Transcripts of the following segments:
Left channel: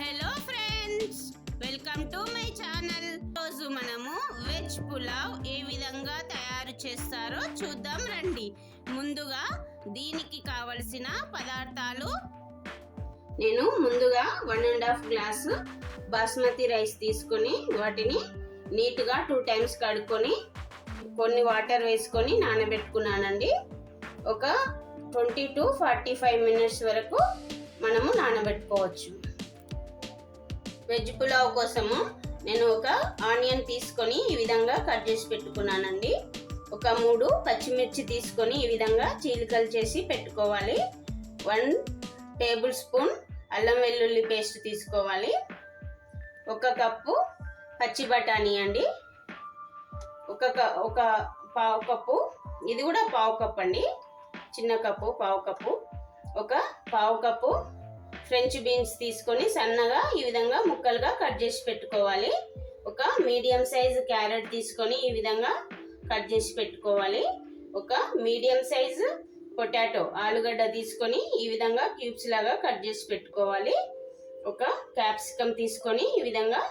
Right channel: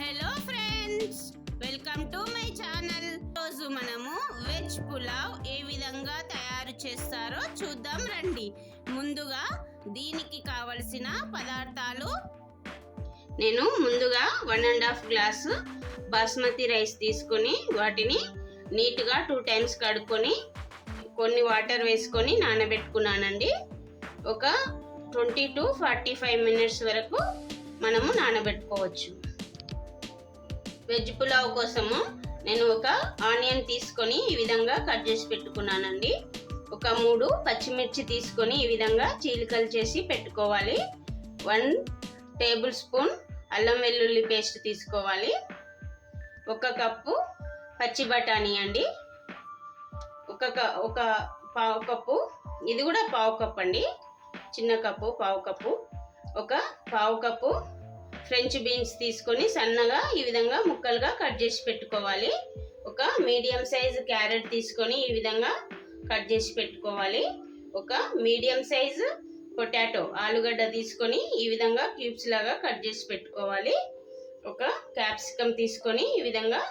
Hello friends, welcome to my channel. రోజు మనము veg pulao ఏ విధంగా తయారు చేస్తారో చూద్దాం రండి. ముందుగా దీనికి కావలసిన పదార్థాలు, నేను ముందుగా 1.5 గ్లాసు బాస్మతి రైస్ తీసుకొని వాటిని నీట్గా 2 టైమ్స్ కడుక్కొని కొన్ని వాటర్ వేసుకొని నానబెట్టుకున్నానండి. ఒక 20 to 45 మినిట్స్ వరకు మనము నానబెట్టుకోవచ్చు. వెజ్ పులావ్ కోసము నేను ఒక ఆనియన్ తీసుకొని ఈ విధంగా కట్ చేసి పెట్టుకున్నానండి. ఒక 3 పచ్చిమిర్చి తీసుకొని ఈ విధంగా చీలికలు చేసి పెట్టుకోవాలి. 1 టేబుల్ స్పూన్ అల్లం వెల్లుల్లి పేస్ట్ తీసుకోవాలి. 1 కప్పు పచ్చి బఠానీ అండి. ఒక పావు కప్పు, ఇది కూడా పావు కప్పు అండి, చిన్న కప్పు పావు కప్పు. ఒక పావు కప్పు ఫ్రెంచ్ బీన్స్ తీసుకొని సన్నగా ఈ విధంగా ముక్కలుగా కట్ చేసి పెట్టుకోవాలి. ఒక మీడియం సైజ్ క్యారెట్ తీసుకొని ఈ విధంగా కట్ చేసి పెట్టుకోవాలి. ఒక మీడియం సైజ్ పొటాటో ఆలుగడ్డ తీసుకొని ఈ విధంగా క్యూబ్స్ లాగా కట్ చేసి పెట్టుకోవాలి. ఒక క్యాప్సికమ్ తీసుకొని ఈ విధంగా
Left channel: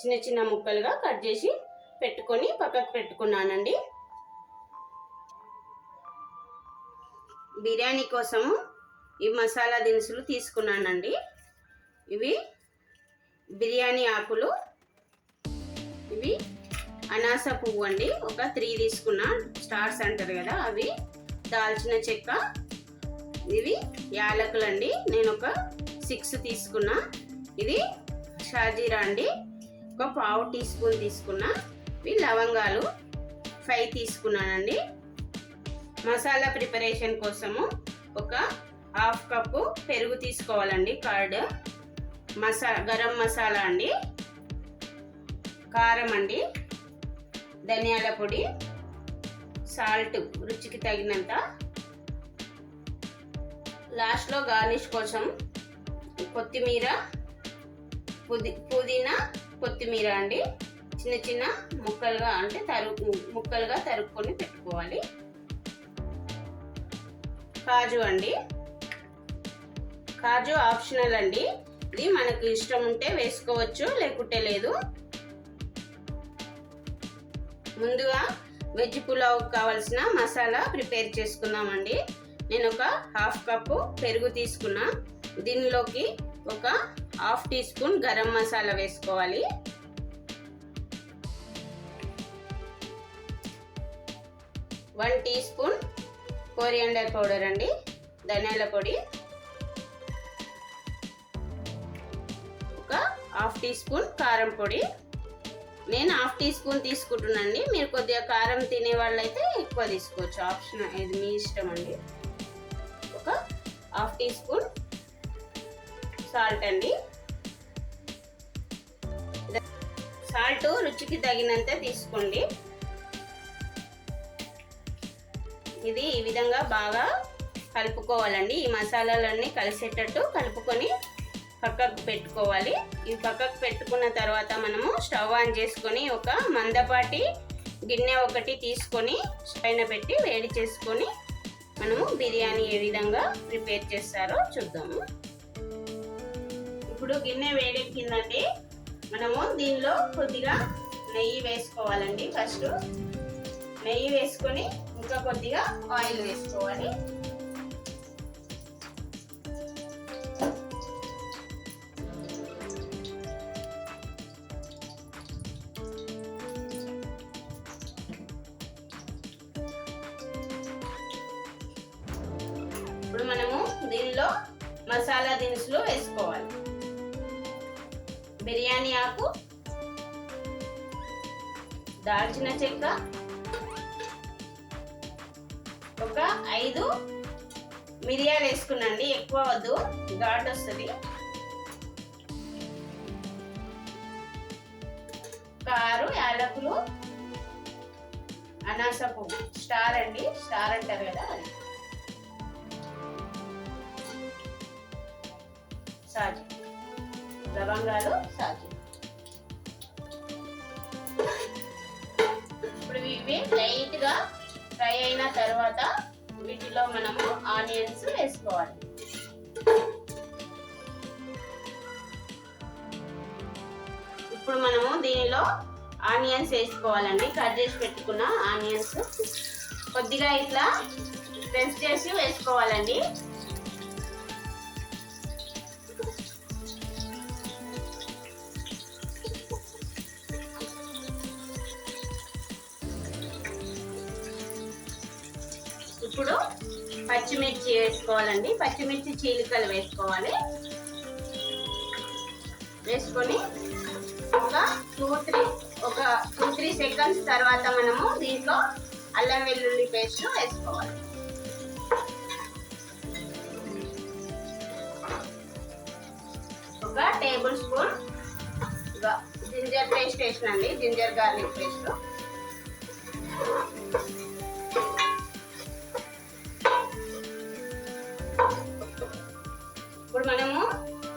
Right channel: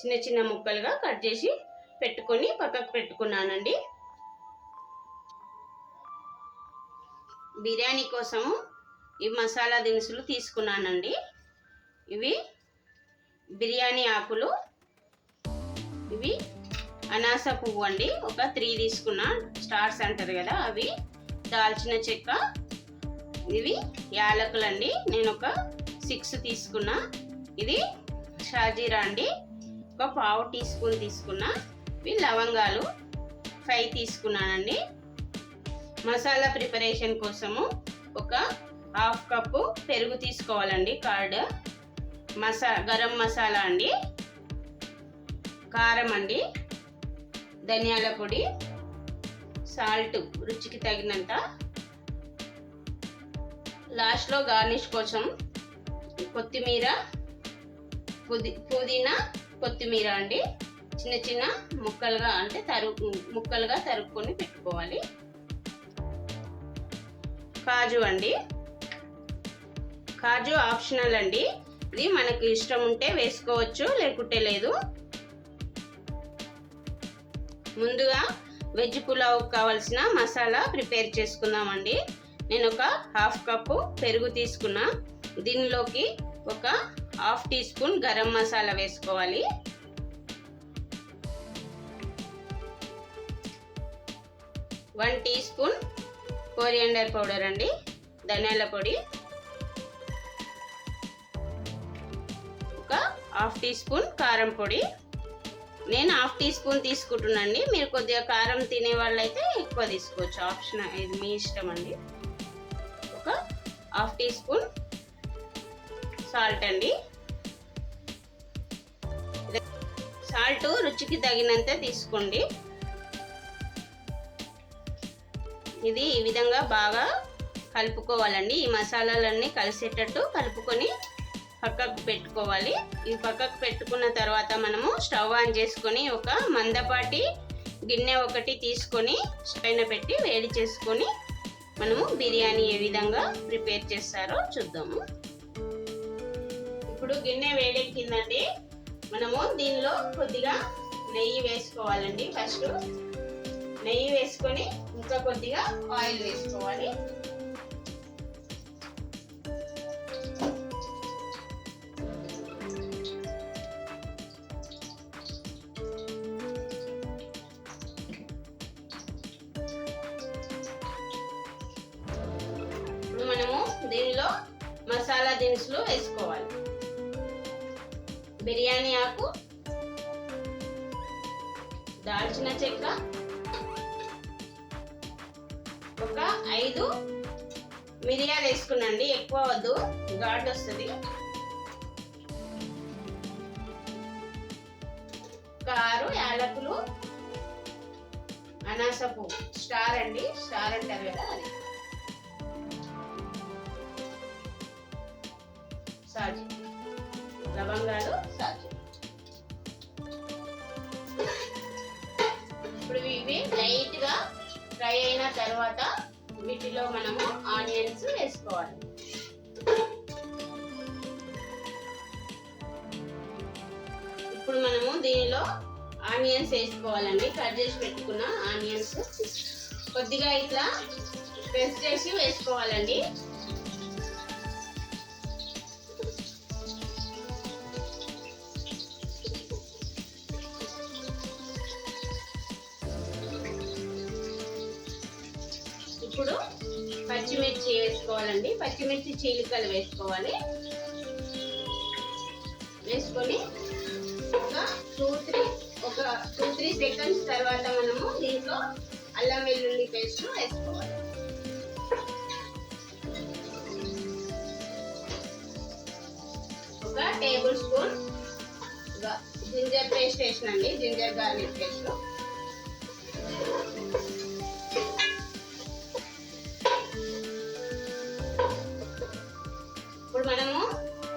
చిన్న చిన్న ముక్కలుగా కట్ చేసి పెట్టుకొని పక్కకు పెట్టుకున్నానండి. బిర్యానీ కోసము ఈ మసాలా దినుసులు తీసుకున్నానండి. ఇవి బిర్యానీ ఆకులు, ఇవి అనాస పువ్వు అండి, ఒక 3 తీసుకున్నా, స్టార్స్ అంటారు కదా అవి. దాల్చిన చెక్క, ఇవి యాలకులు అండి, నేను ఒక 6 తీసుకున్నా. ఇది షా జీరా అండి, ఒక పావు టీ స్పూన్ తీసుకున్నా. ఇవి లవంగాలు 5 తీసుకున్నానండి. మసాలా ప్రిపరేషన్ కోసము ఒక 1/2 కప్పు పెరుగు తీసుకోవాలండి, కర్డ్. గరం మసాలా అండి, కారం అండి, ధనియాల పొడి, సాల్ట్ రుచికి తగినంత. లాస్ట్లో గార్నిష్ కోసం కొత్తిమీర, పుదీనా, కొత్తిమీర అండి, చిన్న చిన్న ముక్కలుగా అంటే ముక్కలుగా తరుక్కొని పెట్టుకోవాలి. కాజు అండి, కాజు ఆప్షనల్ అండి, ఇది మనకు ఇష్టం ఉంటే వేసుకోవచ్చు, లేకుంటే లేదు. ముందుగా వెజ్ పులావ్ కావాల్సిన మసాలా ప్రిపేర్ చేసుకుందామండి. నేను ఒక 1/2 కప్పు పెరుగు తీసుకున్నా. దీనిలోకి ఒక 1/2 టీ స్పూన్ గరం మసాలా వేసుకోవాలి. 1 టీ స్పూన్ coriander పౌడర్ అండి, ధనియాల పొడి. ఒక 1/2 టీ స్పూన్ కారం పొడి. నేను 1/2 టీ స్పూన్ తీసుకుంటున్నానండి, మీరు కొద్దిగా కారం తినే వాళ్ళైతే ఎక్కువ తీసుకోవచ్చు, ఆప్షన్, ఇది మీ ఇష్టం అండి. ఒక 1/2 టీ స్పూన్ సాల్ట్ అండి. సాల్ట్ రుచికి తగినంత తీసుకోండి. ఇది ఈ విధంగా బాగా కలుపుకోవాలండి. ఈ మసాలాలన్నీ కలిసేటట్టు కలుపుకొని పక్కకు పెట్టుకోవాలి. ఇవి పక్కకు పెట్టుకున్న తర్వాత మనము స్టవ్ ఆన్ చేసుకొని ఒక మందపాటి గిన్నె ఒకటి తీసుకొని పైన పెట్టి వేడి చేసుకొని మనము బిర్యానీ ఏ విధంగా ప్రిపేర్ చేస్తారో చూద్దాము. ఇప్పుడు గిన్నె వేడెక్కిందండి. మనము దీనిలో కొద్దిగా నెయ్యి వేసుకోవాలండి. ఫస్ట్ నెయ్యి వేసుకొని ఇంకా కొద్దిగా ఆయిల్ వేసుకోవాలి. ఇప్పుడు మనము దీనిలో మసాలా దినుసులు వేసుకోవాలి. బిర్యానీ ఆకు, దాల్చిన చెక్క, ఒక 5 మిరియాలు వేసుకున్నాండి, ఎక్కువ వద్దు, ఘాటు వస్తుంది. ఒక 6 యాలకులు, అనాస పువ్వు, స్టార్ అండి, స్టార్ అంటారు కదా అది, సాజు, లవంగాలు, సాజు. ఇప్పుడు ఇవి లైట్గా ఫ్రై అయిన తర్వాత వీటిలో మనము ఆనియన్స్ వేసుకోవాలి. ఇప్పుడు మనము దీనిలో ఆనియన్స్ వేసుకోవాలండి. కట్ చేసి పెట్టుకున్న ఆనియన్స్ కొద్దిగా ఇట్లా ప్రెస్ చేసి వేసుకోవాలండి. ఇప్పుడు పచ్చిమిర్చి వేసుకోవాలండి. పచ్చిమిర్చి చీలికలు వేసుకోవాలి. వేసుకొని ఒక 2-3 సెకండ్స్ తర్వాత మనము దీంట్లో అల్లం వెల్లుల్లి పేస్ట్ వేసుకోవాలి. ఒక టేబుల్ స్పూన్ జింజర్ పేస్ట్ వేసినండి, జింజర్ గార్లిక్ పేస్ట్. ఇప్పుడు మనము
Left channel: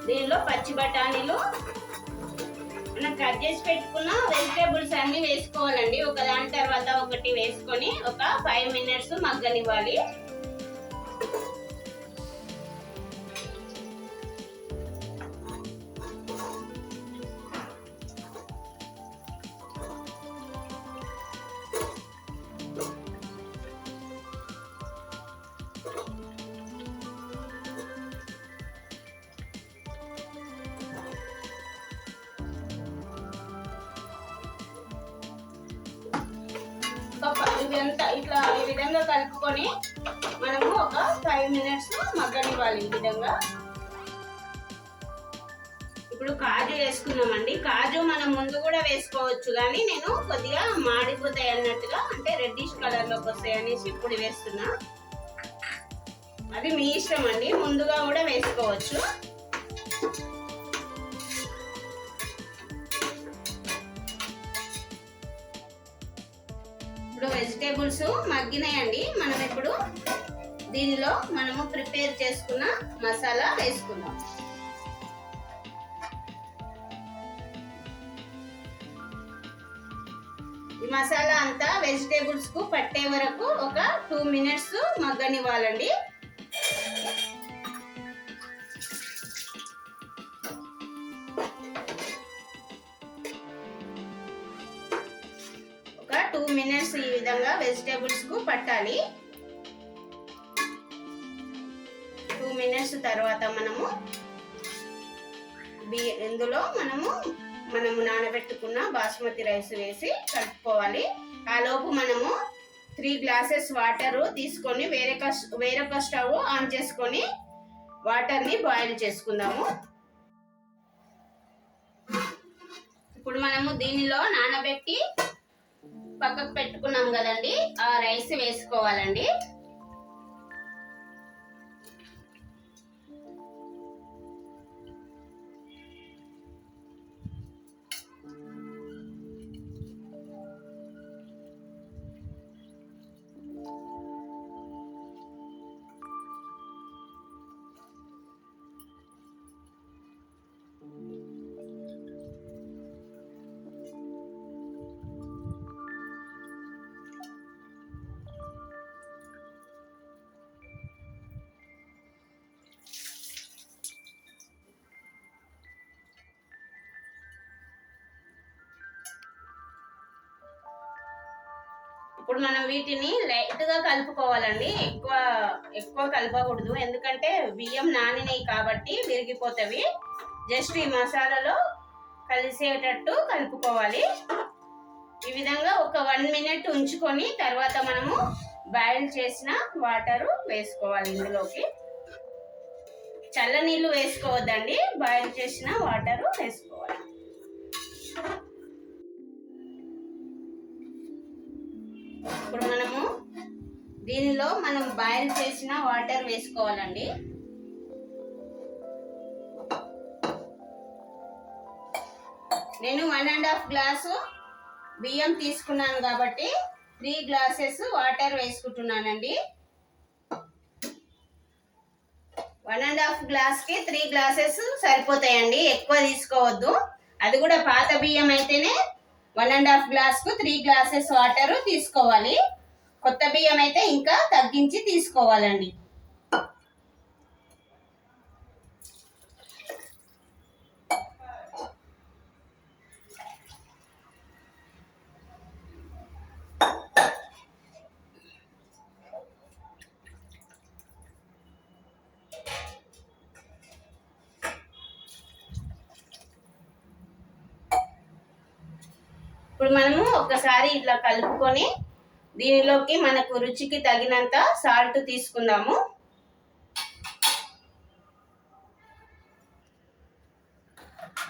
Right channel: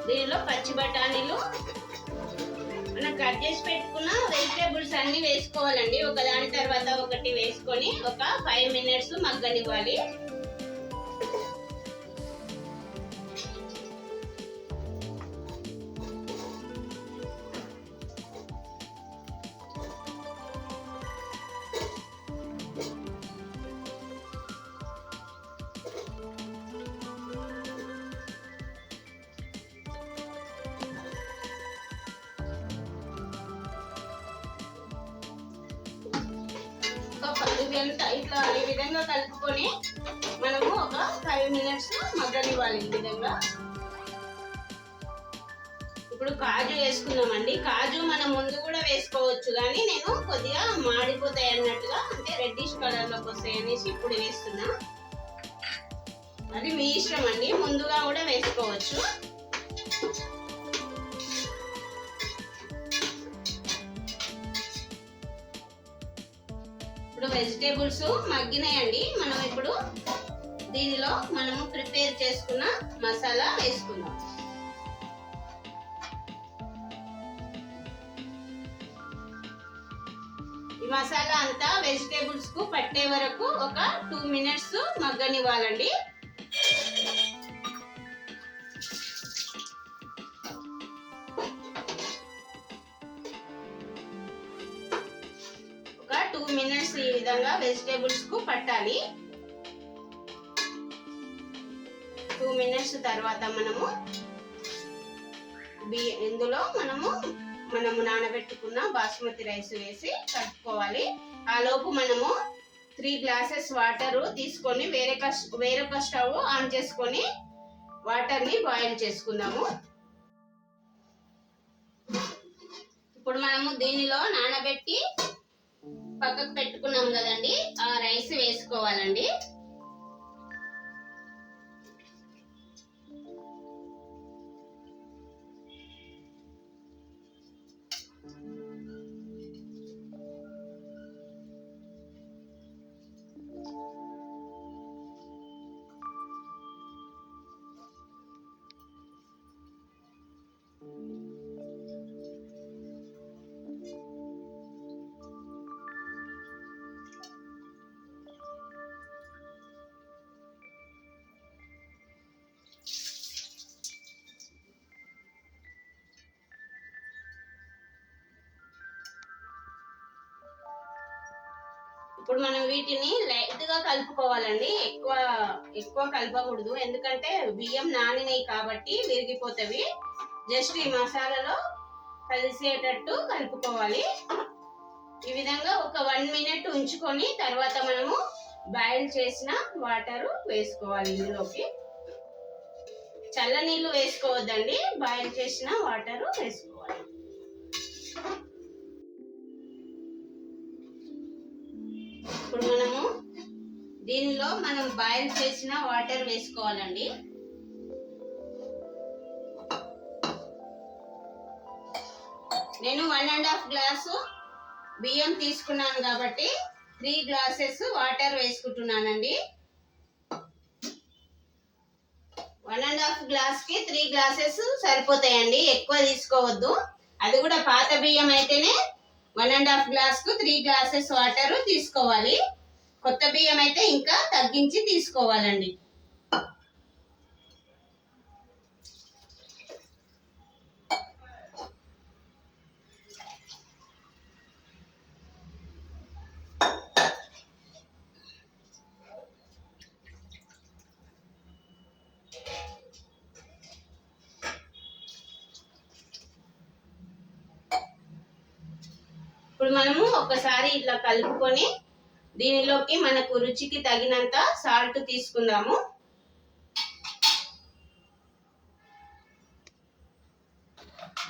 దీనిలో పచ్చి బఠానీలు మనం కట్ చేసి పెట్టుకున్న వెజిటేబుల్స్ అన్ని వేసుకోవాలండి. ఒకదాని తర్వాత ఒకటి వేసుకొని ఒక 5 మినిట్స్ మగ్గనివ్వాలి. ఇట్లా ఈ విధంగా కలుపుకొని మనము ఒక 5 మినిట్స్ మగ్గనివ్వాలి. ఈ విధంగా ఇప్పుడు కాజు వేసుకున్నామండి. కాజు మనం ముందు కూడా వేసుకోవచ్చు, కానీ నేను కొద్దిగా మాడిపోతాయి అన్నట్టుగా, అంటే రెడ్డిష్ కలర్ లోకి వస్తాయి అనేసి ఇప్పుడు వేస్తున్నా. అది మీ ఇష్టం అండి, ముందుగా కూడా వేసుకోవచ్చు. ఇప్పుడు వెజిటేబుల్స్ మగ్గినాయండి. మనం ఇప్పుడు దీనిలో మనము ప్రిపేర్ చేసుకున్న మసాలా వేసుకుందాం. ఈ మసాలా అంతా వెజిటేబుల్స్ కు పట్టే వరకు ఒక 2 మినిట్స్ మగ్గనివ్వాలండి. ఒక 2 మినిట్స్ ఈ విధంగా వెజిటేబుల్స్ కు పట్టాలి. 2 మినిట్స్ తర్వాత మనము ఇందులో మనము నానబెట్టుకున్న బాస్మతి రైస్ వేసి కలుపుకోవాలి. ఆ లోపు మనము 3 గ్లాసెస్ వాటర్ తీసుకొని వేరొక స్టవ్ ఆన్ చేసుకొని వాటర్ ని బాయిల్ చేసుకుందాము. ఇప్పుడు మనము దీనిలో నానబెట్టి పక్కకు పెట్టుకున్నాం కదండి, ఆ రైస్ వేసుకోవాలండి. ఇప్పుడు మనం వీటిని లైట్ గా కలుపుకోవాలండి, ఎక్కువ కలపకూడదు, ఎందుకంటే బియ్యం నానినాయి కాబట్టి విరిగిపోతవి. జస్ట్ ఈ మసాలాలో కలిసేటట్టు కలుపుకోవాలి. ఈ విధంగా ఒక 1 మినిట్ ఉంచుకొని తర్వాత మనము బాయిల్ చేసిన వాటర్ వేసుకోవాలి. ఇందులోకి చల్ల నీళ్ళు వేసుకోవద్దండి, బాయిల్ చేసిన వాటర్ వేసుకోవాలి. ఇప్పుడు మనము దీనిలో బాయిల్ చేసిన వాటర్ వేసుకోవాలండి. నేను 1.5 గ్లాసు బియ్యం తీసుకున్నాను కాబట్టి 3 గ్లాసెస్ వాటర్ వేసుకుంటున్నానండి. 1.5 గ్లాస్ కి 3 గ్లాసెస్ సరిపోతాయండి, ఎక్కువ తీసుకోవద్దు. అది కూడా పాత బియ్యం అయితేనే 1.5 గ్లాస్ కు 3 గ్లాసెస్ వాటర్ తీసుకోవాలి. కొత్త బియ్యం అయితే ఇంకా తగ్గించి తీసుకోవాలండి. మనము ఒకసారి ఇట్లా కలుపుకొని దీనిలోకి మనకు రుచికి తగినంత సాల్ట్ తీసుకుందాము.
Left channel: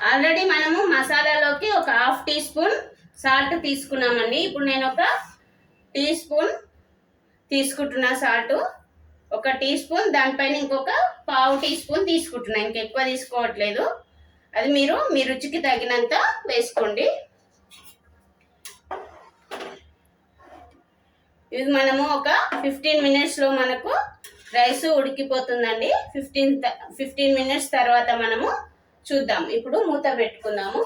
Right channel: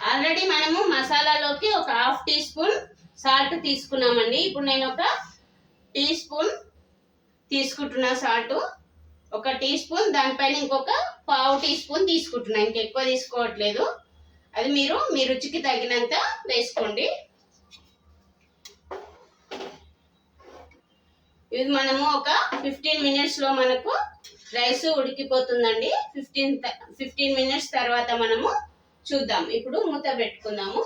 ఆల్రెడీ మనము మసాలాలోకి ఒక 1/2 టీ స్పూన్ సాల్ట్ తీసుకున్నామండి. ఇప్పుడు నేను ఒక టీ స్పూన్ తీసుకుంటున్నా సాల్ట్. 1 టీ స్పూన్, దానిపైన ఇంకొక 1/2 టీ స్పూన్ తీసుకుంటున్నా, ఇంకెక్కువ తీసుకోవట్లేదు. అది మీరు మీ రుచికి తగినంత వేసుకోండి. ఇది మనము ఒక 15 మినిట్స్లో మనకు రైస్ ఉడికిపోతుందండి. 15 మినిట్స్ తర్వాత మనము చూద్దాం. ఇప్పుడు మూత పెట్టుకుందాము.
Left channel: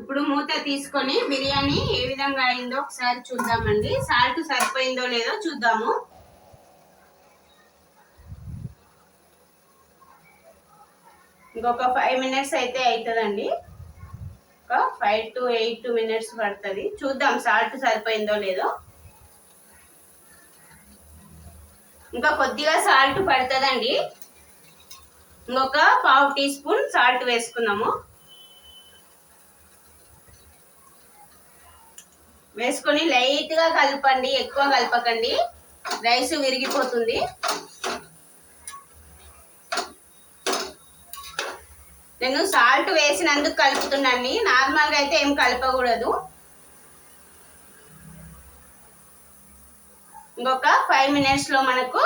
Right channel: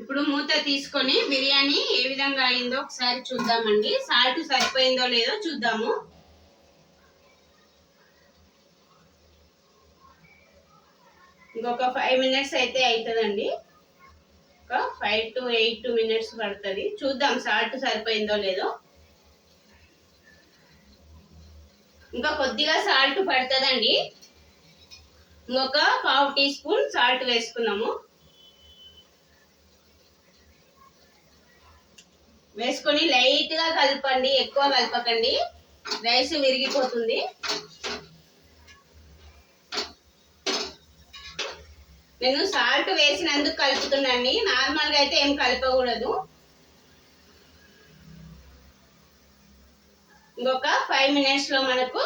ఇప్పుడు మూత తీసుకొని బిర్యానీ ఏ విధంగా అయిందో ఒకసారి చూద్దామండి. సాల్ట్ సరిపోయిందో లేదో చూద్దాము. ఇంకొక 5 మినిట్స్ అయితే అవుతుందండి. ఒక 5 to 8 మినిట్స్ పడుతుంది. చూద్దాం సాల్ట్ సరిపోయిందో లేదో. ఇంకా కొద్దిగా సాల్ట్ పడుతుందండి. ఇంకొక 1/2 టీ స్పూన్ సాల్ట్ వేసుకున్నాము. వేసుకొని లైట్గా కలపండి, ఎక్కువ కలపకండి, రైస్ విరిగిపోతుంది. నేను సాల్ట్ వేసినందుకు కలుపుతున్నాను, నార్మల్గా అయితే ఏం కలపకూడదు. ఇంకొక 5 మినిట్స్లో మనకు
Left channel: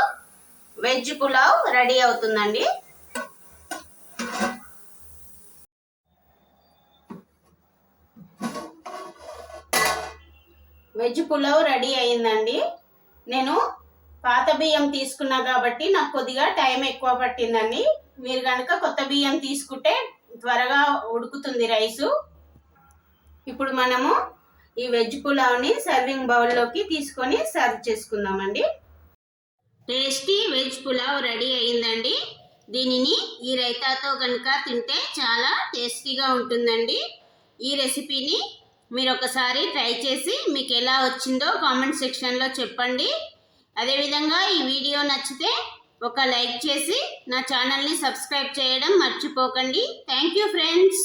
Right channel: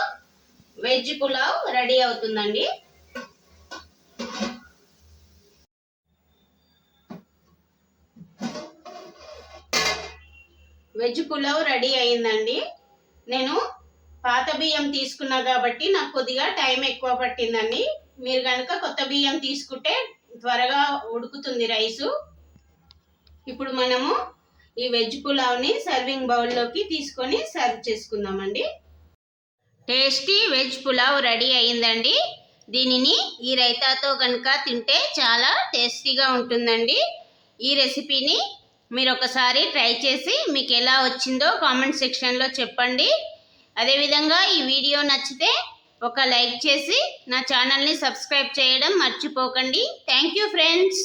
వెజ్ పులావ్ రెడీ అవుతుందండి. వెజ్ పులావ్ రెడీ అయిందండి. నేను పాత బియ్యం తీసుకున్నా కాబట్టి నాకు కొద్దిగా టైం ఎక్కువ పట్టిందండి. మీరు కనుక కొత్త బియ్యం తీసుకుంటే త్వరగా ఉడుకుతుంది రైసు. ఇప్పుడు మనము ఈ వెజ్ పులావ్ని సర్వింగ్ బౌల్లోకి తీసుకొని సర్వ్ చేసుకుందామండి. టేస్టీ వెజ్ పులావ్ రెడీ అయిందండి. దీనిని ఈ రైతాతో కనుక తింటే చాలా టేస్టీగా ఉంటుందండి. ఈ రెసిపీని మీరు ఒకసారి ట్రై చేసి మీకు ఎలా వచ్చిందో కామెంట్ సెక్షన్లో చెప్పండి. అదేవిధంగా ఈ వీడియో నచ్చితే ఒక లైక్ చేసి నా ఛానల్ని సబ్స్క్రైబ్ చేయడం మర్చిపోకండి. Thank you friends.